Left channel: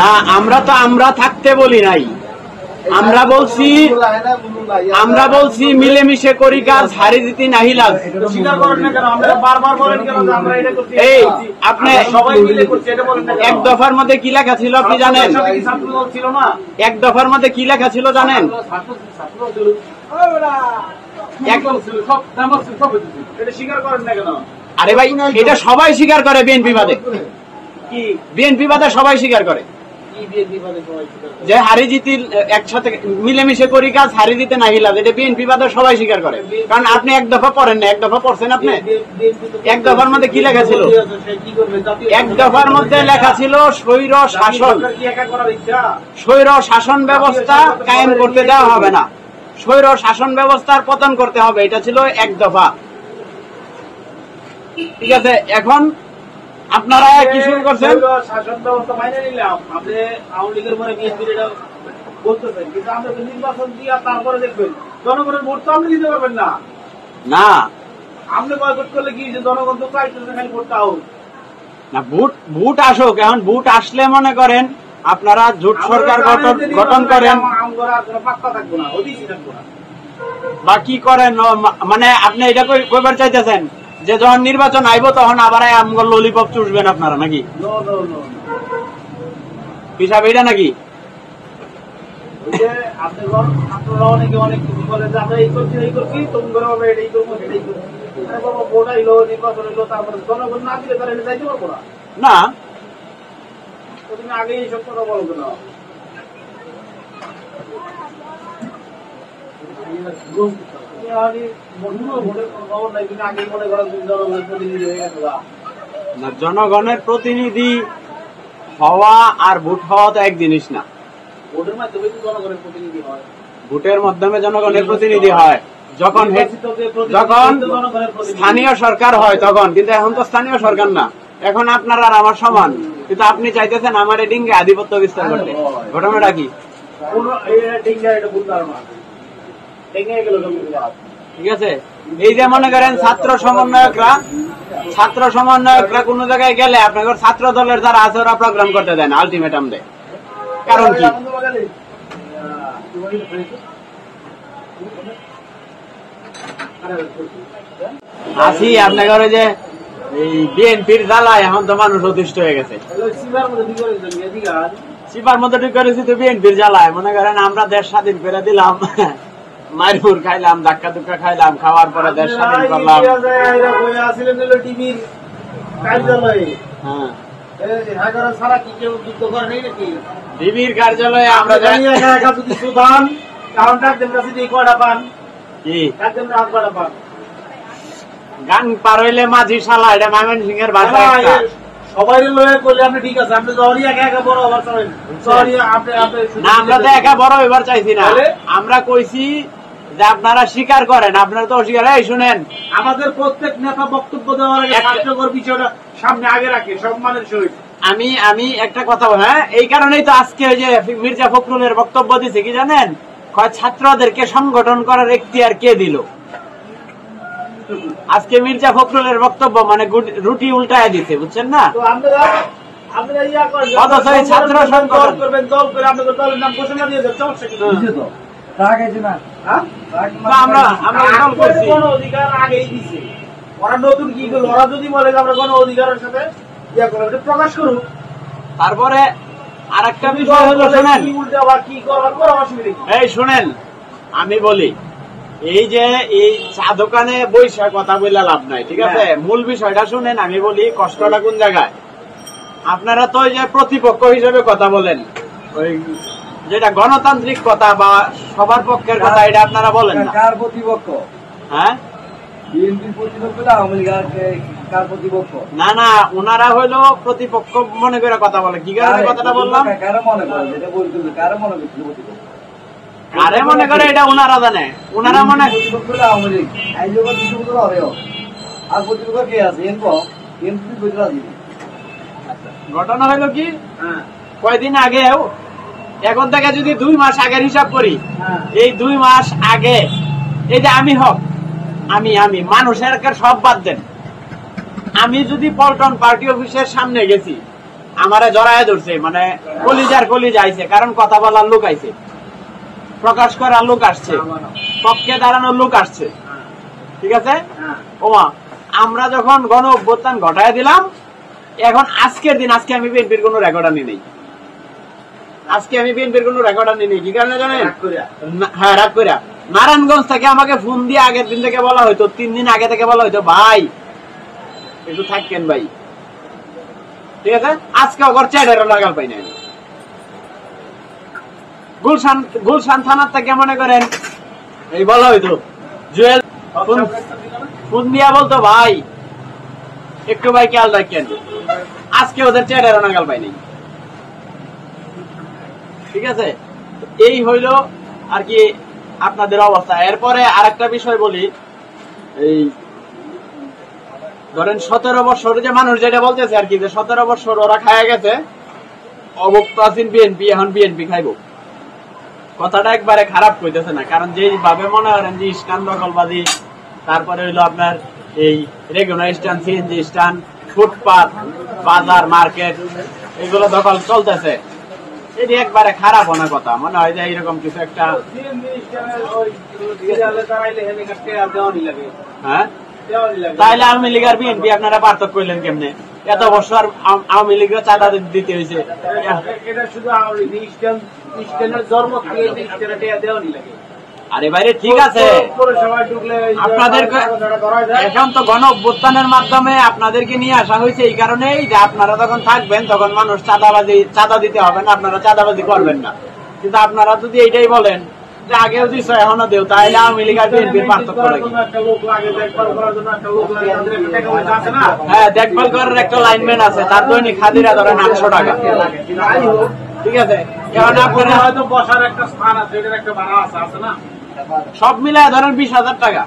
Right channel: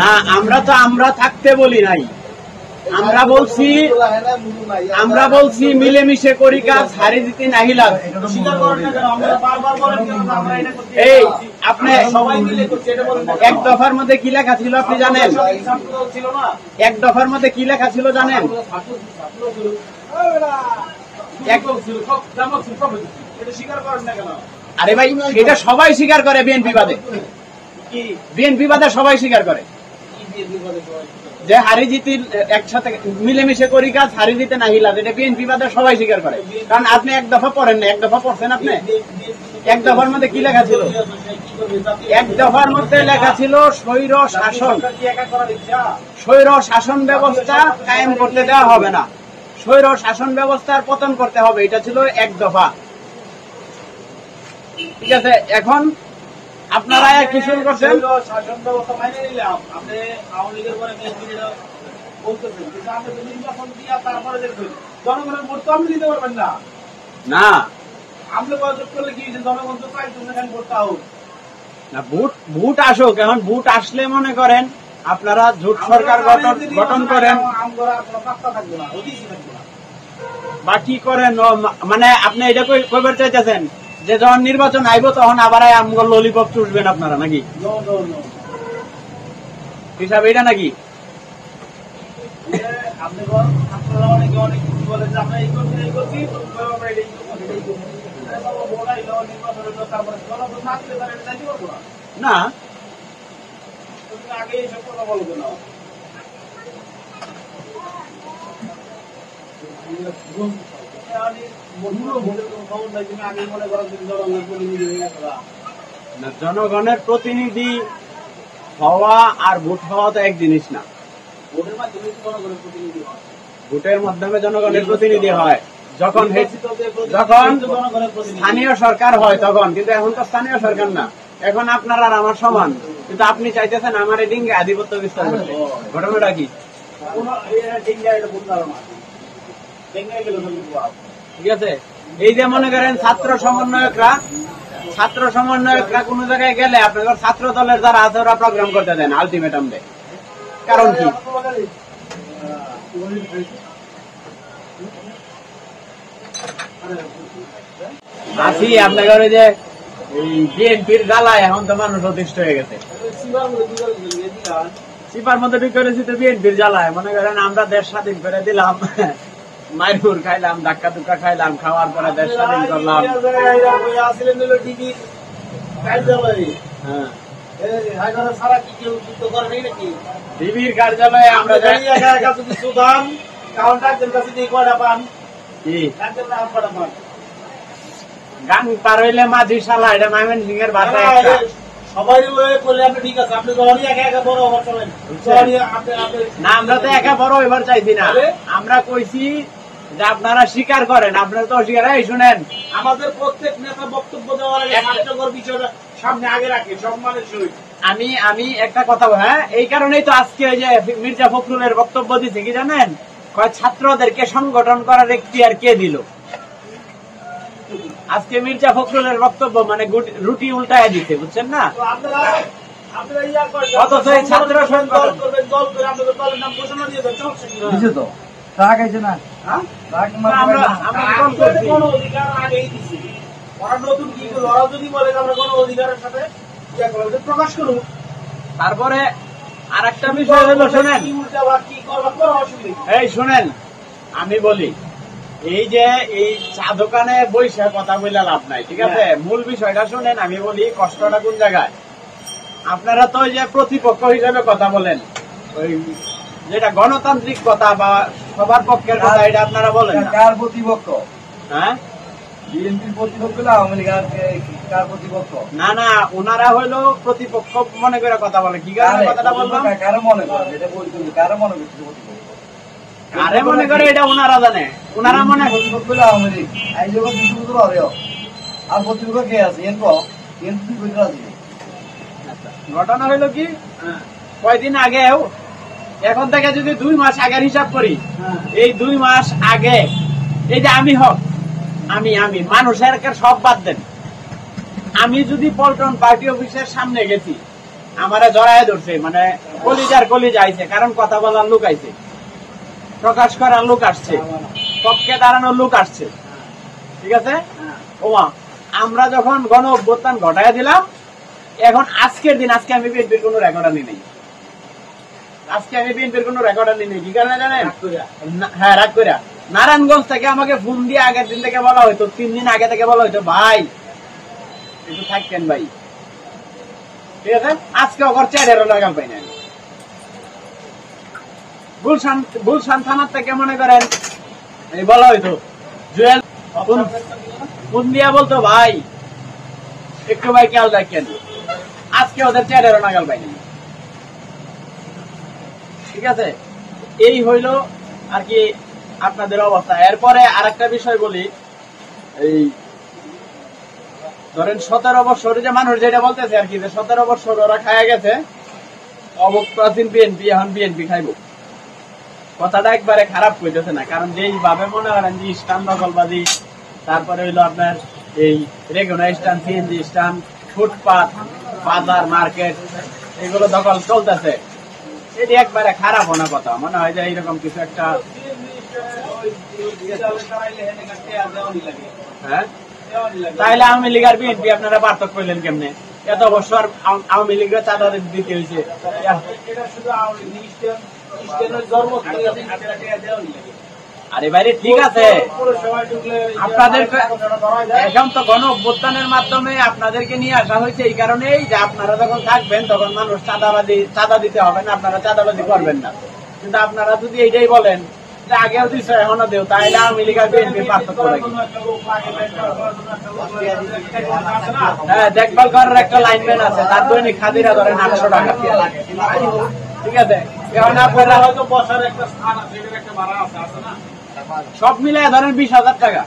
না, আমরা থাকতে বলি নাই, আমরা বলছি মিলেমিশে করি কাজ, হারি জিতি নাহি লাজ। এই আপনি এক দফার মধ্যে কি লেখা ছিল আপনি জানেন? এক দফার মধ্যে কি লেখা ছিল জানেন? আরে ভাই, এটা সবাই স্বীকার করে, বিএনপি বাদে, বিএনপি বাদে সবাই স্বীকার করে যে হারি জিতি একসাথে মিলেমিশে করি কাজ, হারি জিতে নাহি লাজ। এটা বিএনপি বাদে সবাই স্বীকার করে। কারণ আপনি এক দফা পড়েন না, এক দফা পড়ছেন আপনি? এক দফার মধ্যে কি লেখা ছিল? এক দফার মধ্যে লেখা ছিল স্বৈর শাসন ব্যবস্থা কায়েম করতে দেওয়া হবে না, স্বৈর শাসন ব্যবস্থার পতন করতে হবে। এটা ছিল এক দফা। ঠিক আছে, এখন আপনারা কি শুরু করছেন? শাসন ব্যবস্থা মাইনে নিলাম, আপনি আওয়ামী লীগের পরে বিএনপির এটা বলতেছেন, কিন্তু আমরা নির্বাচন দিয়ে তারপরে দেখবেন জনগণের ভোট তো আপনি দিতে পারবেন না। না, আপনি বয়কট করলে কি জনগণ তো চাইতেছে না ভোটটা হোক না, ভোট আসুক। এখন ভোট আসলে মনে করেন আপনারা জোট সরকার গঠন করেন বা কি করেন, মানে আপনি এটা কইবার চাইতেছেন যে যখন নির্বাচন আইব তখন আবার আমগর ললিপপ চুষবেন আপনারা নাকি? হিসাব এটা নাকি? না, আগেই এইসব কথা বলবো না। জনগণের প্রতিনিধি হওয়া আর ভোট হওয়া তো এক জিনিস না। ভোটের মাধ্যমে জনগণের প্রতিনিধি হয় যখন স্থানীয় সরকার হয় তখন, কিন্তু এখন তো স্থানীয় সরকার না, এখন আপনার আর আমার সমান, কিন্তু আপনি চাইতেছেন আমার এডিঙ্গে আধিপত্য বিস্তার করতে। ঘটনাটা কি? ঠিক আছে, এই যে মনে করেন ছাত্র সমন্বয়করা কোন জায়গায় গেলে আপনাদের ছাত্র দলের যারা আছে ওরা প্রোগ্রাম করতে দেন, আলটিমেটাম দেয়। কারণ কি? আসি আপনাদের যে এই বিএনপির জ্বালায় এখন তো মানুষ অতিষ্ঠ হয়ে গেছে। সিপার মধ্যে ঠিক করেছি তো বিএনপির জ্বালায়। মনে করেন আমরা দেশ স্বাধীন করে দিলাম, মারপুর খাইলাম, ধাক্কা ধুক্কা খাইলাম, খাওয়ার পরে দেশ স্বাধীন করলাম। ডিবির কার্যালয়ে আমরা গান পার হইলে মাঝি শালা, এটা মাইমন সিং এর বাসা। সবাই করলে আপনি ঠিক আছে, আপনি যখনই একা একা বড় হবার চাবেন না, আমরা তো একা বড় এবার চাইছি না, আমরা কইছি যে আপনারা স্বীকার করেন, আপনারা তো অস্বীকার। এই শুনেন, আমাদের প্রত্যেক নেতা বক্তব্য দেওয়ার আগে কার্যকর বিষয়টা সামনে আগে রাখে সম্মানের সহিত। আমি একটা কথা বল, হ্যাঁ, এই কারণেই তো আজকে ওই যে মির্জা ফখরুলের বক্তব্য দিছে কি জানেন? ছাত্রদেরকে সংগঠন করার এখতিয়ার কে দিল? আজকে মির্জা ফখরুলের বক্তব্য মানে রুটি উল্টায় দিতে, বুঝছেন না? অথচ এই ছাত্র সংগঠন নতুন কি ওরা যদি বলে আমরা গণ অধিকারের সাথে প্রকাশ করুক। তারপরে আর একটা বিষয় হলো, শোনেন, এই শোনেন আমি বলি, এই যে এই চা দোকানে বৈশা কথা বলে লাভ নাই, ঠিক আছে? মূল বিষয়টা শুনেন, আমি বলি কষ্টটা কোন জায়গায়। আপনারা তো ওই যে প্রতিপক্ষ হিসেবে কথা বলেন, ওই যেটা গণতান্ত্রিক কথা বা সবার পক্ষের কথা, এটা আপনারা বলেন না। কার প্রতিপক্ষ? হ্যাঁ, না না, ওনারা হইলো প্রতিপক্ষ মনে করে কথা বলে। কি কারণে কথাটা বললাম? আরে মনে করে এটা ওনারা জানে, ওনারা মনে ঘটনা হইলো কি, কয়দিন আগেও, এখন থেকে যদি 2 মাস আগের হিসাব করি, এই 2 মাস আগে এই যে আমি মানুষের সব বাদ দেন, আমি যদি পল্টন পার্টি অফিসের সামনে গেছি, আমারে জড়ায় ধরছে, মানে কলিজার কলিজা আইছে, কারণ কথা বলার লোক আইছে, প্রকাশ করার লোক আসছে, পক্ষে দাঁড়ানোর লোক আসছে, ঠিক আছে। ওমা আমরা যখন গণ অভ্যুত্থান ঘটায় দিলাম, এখন আজকের দিন, আজকে আমি বিএনপির কোন রেকর্ড আনি নেই, আজকে আমি বিএনপির কোন রেকর্ড আনি নেই। কি কারণে জানেন? হ্যাঁ, রাগ করিয়া নারায়ণগঞ্জ থেকে আমাকে ফোন দিয়ে আগের দিন থেকে বলা হয়তো, 3 দিন আগে থেকে বলা হয়তো, ভাই একটু থাকেন ভাই, ঠিক আছে। আজকে ওর চেয়ারেরও লাগাল পাই না। গুলশান থানার থেকে মনে করেন এই বলা হইতো, জুয়েল ফোন দিয়া বলতো, ভাই একটু ভাই খেয়াল রাখেন, আজকে ওদের চেয়ারেরও নাগাল পাই নাই, ঠিক আছে। এই হইল আর কি আপনাদের অবস্থা। এরপরে আরেকটা বিষয় বলি, এই ধরেন 17 বছর যে মানুষ যেটা বলতেছে আর কি, যে 17 বছর ওরা খায়া গেছে, অবপ্রাচীন বিএনপি, এখন বিএনপি খাইব, কথাটা একবারে খারাপ কইতেছে না। কারণ যেই ভাবে মনে করেন যে স্ট্যান্ড দখলবাদী, তারপরে হইলো আপনার এই regular stand, CNG stand, footpath, বাজার, মার্কেট, এগুলো দখল চলতেছে, এটি একবারে খারাপ হওয়ার কথা। মনে হয় যে এইরকম কিছু একটা, হ্যাঁ, তাইলে আওয়ামী লীগ আর বিএনপি আপনারা পার্থক্য করলেন কেমনে? এত বছর আওয়ামী লীগের চাঁদা দিতে হয়েছে, আরে বাইরে ঠিক আছে, আপনাদের এখন তো গণ অভ্যুত্থানের মাধ্যমে আপনাদেরকে নিয়ে আসা হয়েছে এই কারণেই যে আপনারা যখন থাকবেন তখন মানুষ চাঁদা দিতে হবে না, আপনারা চাঁদাবাজি করবেন না। কিন্তু আপনারা যদি এইটাই বলেন যে আগেও দিচ্ছ এখনো দেও, তাহলে আওয়ামী লীগ আর বিএনপির পার্থক্য রাখি। হ্যাঁ, দেখভাল করার একটা লাইনম্যান আছে, তার দৈনিক হাজিরা ধরেন 800 টাকা, ঠিক আছে। এখন আপনারা হয়তো বসার একটা স্থান আছে, এটার একটা ভাড়া আছে না, সব মিলায় ধরেন 20,000 টাকা,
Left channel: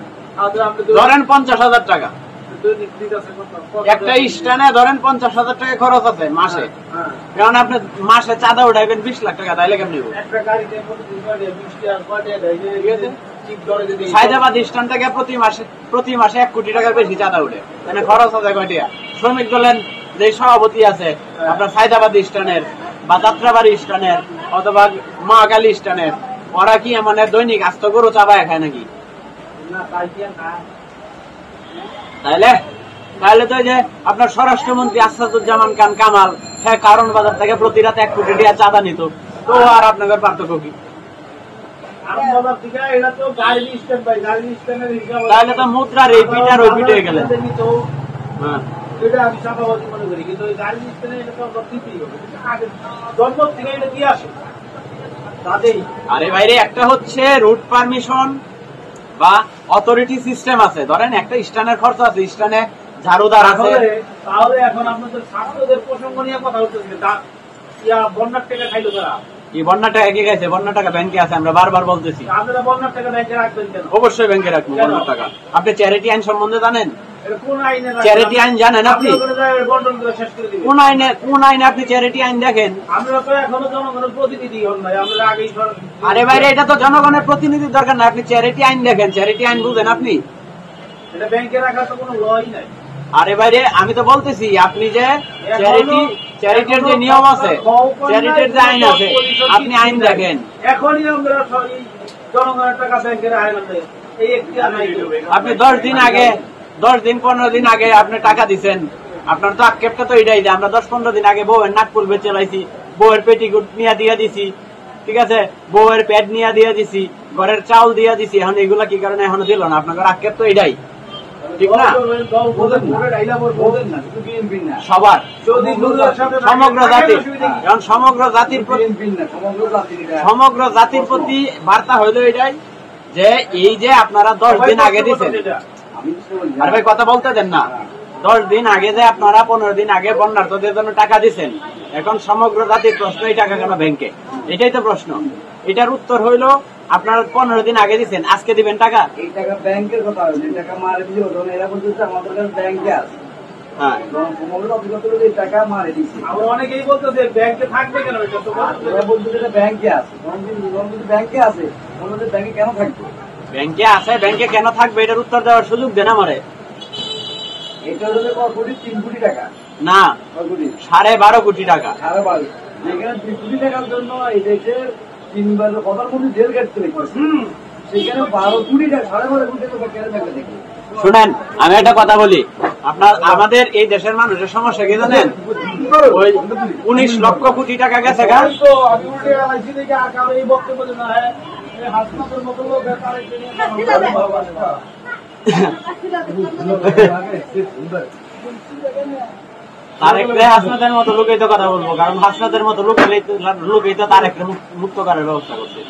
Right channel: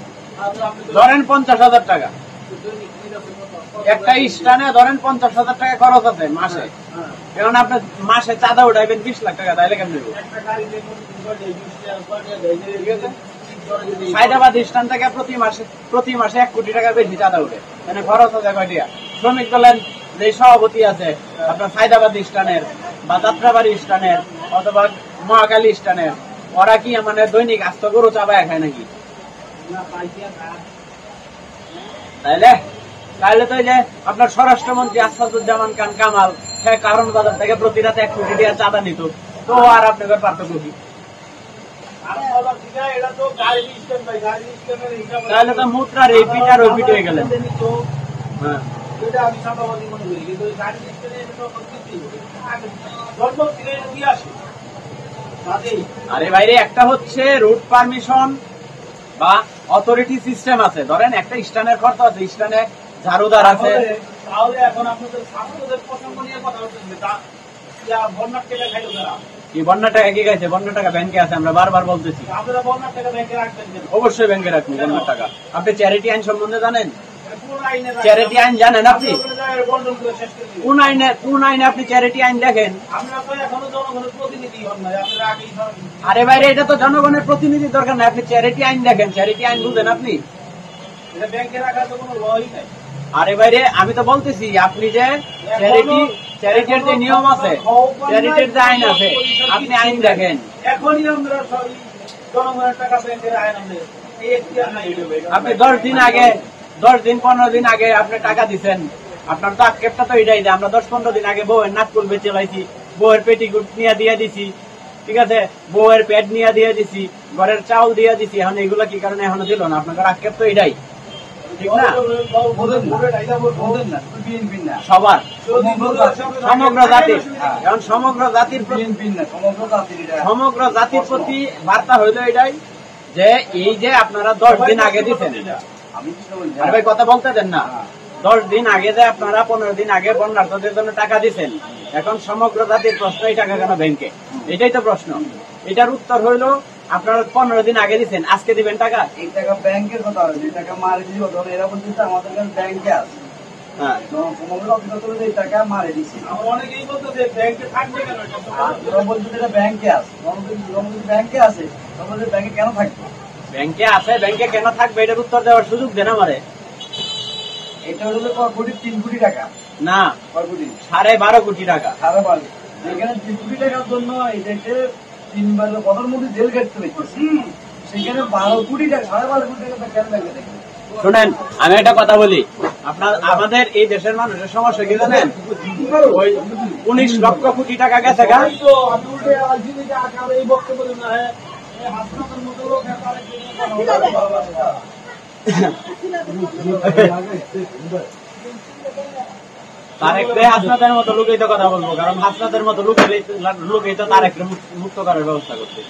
ধরেন 50,000 টাকা, একটা স্ট্যান্ডে ধরেন 50,000 টাকা খরচ আছে মাসে। কারণ আপনি মাসে চাঁদা উঠাইবেন 20 লাখ টাকা, তাইলে কেমন? হায়দ্রাবাদ স্ট্যান্ড থেকে প্রতি মাসে 1 কোটি টাকার বেশি চাঁদা উঠে, মানে খরচ আছে কয়টিয়া। শ্রমিক দলের যে সভাপতি আছে আপনার হায়দ্রাবাদ স্ট্যান্ডের বা যাত্রাবাড়ি স্ট্যান্ডের অথবা মহাকালী স্ট্যান্ডের, ওরা কি মানে দৈনিক আস্ত গরু চাবায় খায় নাকি? তাহলে তো যে আপনার স্বরাষ্ট্রমন্ত্রী আসাদুজ্জামান খান কামাল, হ্যাঁ, কারণ বাজার থেকে প্রতি রাতে 1 কোটি টাকা চাঁদা নিত, তো আর আপনাদের পার্থক্য কি? তাহলে তো মুদ্রা রিপিট আর রিপিট হয়ে গেলেন। হ্যাঁ, আরে বাইরে একটা হচ্ছে রুট পারমিশন বা অথরিটি সিস্টেম আছে, ধরেন একটা স্ট্যান্ডের খরচ আছে, স্ট্যান্ডে ঝাড়ুদার আছে। তাহলে এখন আপনাদের ছাত্রদের প্রসঙ্গ নিয়ে কথা হচ্ছে, বন্যার টাকা খাইলো তারা, কি বন্যার টাকা কি খাইছে? বন্যার টাকা ব্যাংকে আছে, আমরা বারবার বলতেছি। আপনারা বন্যার টাকা ব্যাংকে রাখবেন কেন? অবশ্যই ব্যাংকে রাখবো বন্যার টাকা। আপনি চ্যারিটি আইন সম্বন্ধে জানেন? চ্যারিটি আইন জানেন আপনি? কোন আইনে আপনি চ্যারিটি আইন দেখেন? আরে ভাই, এটা তো জনগণের প্রতিনিধির দরকার নাই, আপনি চ্যারিটি আইন দেখেন, চ্যারিটি আইন বুঝেন আপনি? আরে বাইরে আমি তো বলতেছি, আপনি যে চ্যারিটির যে নিয়ম আছে, চ্যারিটির যে আইন আছে, আপনি আইন দেখেন। আপনি 10 দিন আগে, 15 দিন আগে আপনি টাকা দিচ্ছেন, আপনার তো আক্ষেপটা তো এটাই যে আমরা 10-15 দিন আগে বউয়ের নাকফুল বেচে লাইছি, বউয়ের পেটিকুট নিয়ে দিয়ে দিছি, ঠিক আছে, বউয়ের প্যাড নিয়ে দিয়ে দিছি, ঘরের চাউল দিয়ে দিছি, এখন এগুলা কি কারণে এখনো দিল না? আপনার আক্ষেপ তো এটাই, ঠিক না? সবার, সমগ্র জাতির, এখন সমগ্র জাতির প্রতি বার্তা হইল এটাই যে এই যে আপনারা 10 দিন আগে দিচ্ছেন, আরে ভাই কথা বলতে দেন না, 10 দিন আগে যে আপনারা 15 দিন আগে বন্যার্থদের জন্য টাকা দিচ্ছেন, এখন সমগ্র জাতির প্রশ্ন এই টাকা কেন ব্যাংকে? এটাই তো প্রশ্ন। এটার উত্তর হইল আপনারা 15 দিন আগে দিচ্ছেন, আজকে দিবেন টাকা? এই টাকা ব্যাংকের কথা, এই টাকা মারে দিও, এরা বলতেছে আমাদের ব্যাংকে আছে। হ্যাঁ, সমগ্র অফিসে এই টাকা মারে দিছি। আমরা অনেকেই বলতেছে ব্যাংকে থাকবে কেন? এটা তো এরা বলতেছে এটা ব্যাংকে আছে, ব্যাংকে আছে, আমাদের ব্যাংকে কেন থাকবে? ব্যাংকে আছে, ব্যাংকে কেন থাকবে? এটার উত্তর দেওয়ার সুযোগ দেন আমারে। এটা হলো কোটি 3 কোটি টাকা না 12.5 কোটি টাকা। এখানে 3 কোটি টাকার জন্য এই দেশে 3 বার প্রধানমন্ত্রী জেল কাটতে হয়েছে। সেখানে 12 কোটি টাকা 12 কোটি টাকা কেন টাকা দেখি। শুনেন আমি একটা কথা বলি, আপনার আমাদের এই দেশের মানুষের সমস্যা কি জানেন? ওই 19 লক্ষ কোটি টাকা গেছে গা। তারেকরে হাসনাতের মতো লোকেই তো কথা বলবো, কারণ হাসনাতের মতো লোকেই তো তারেকরে মুক্ত করার ব্যবস্থা করছে।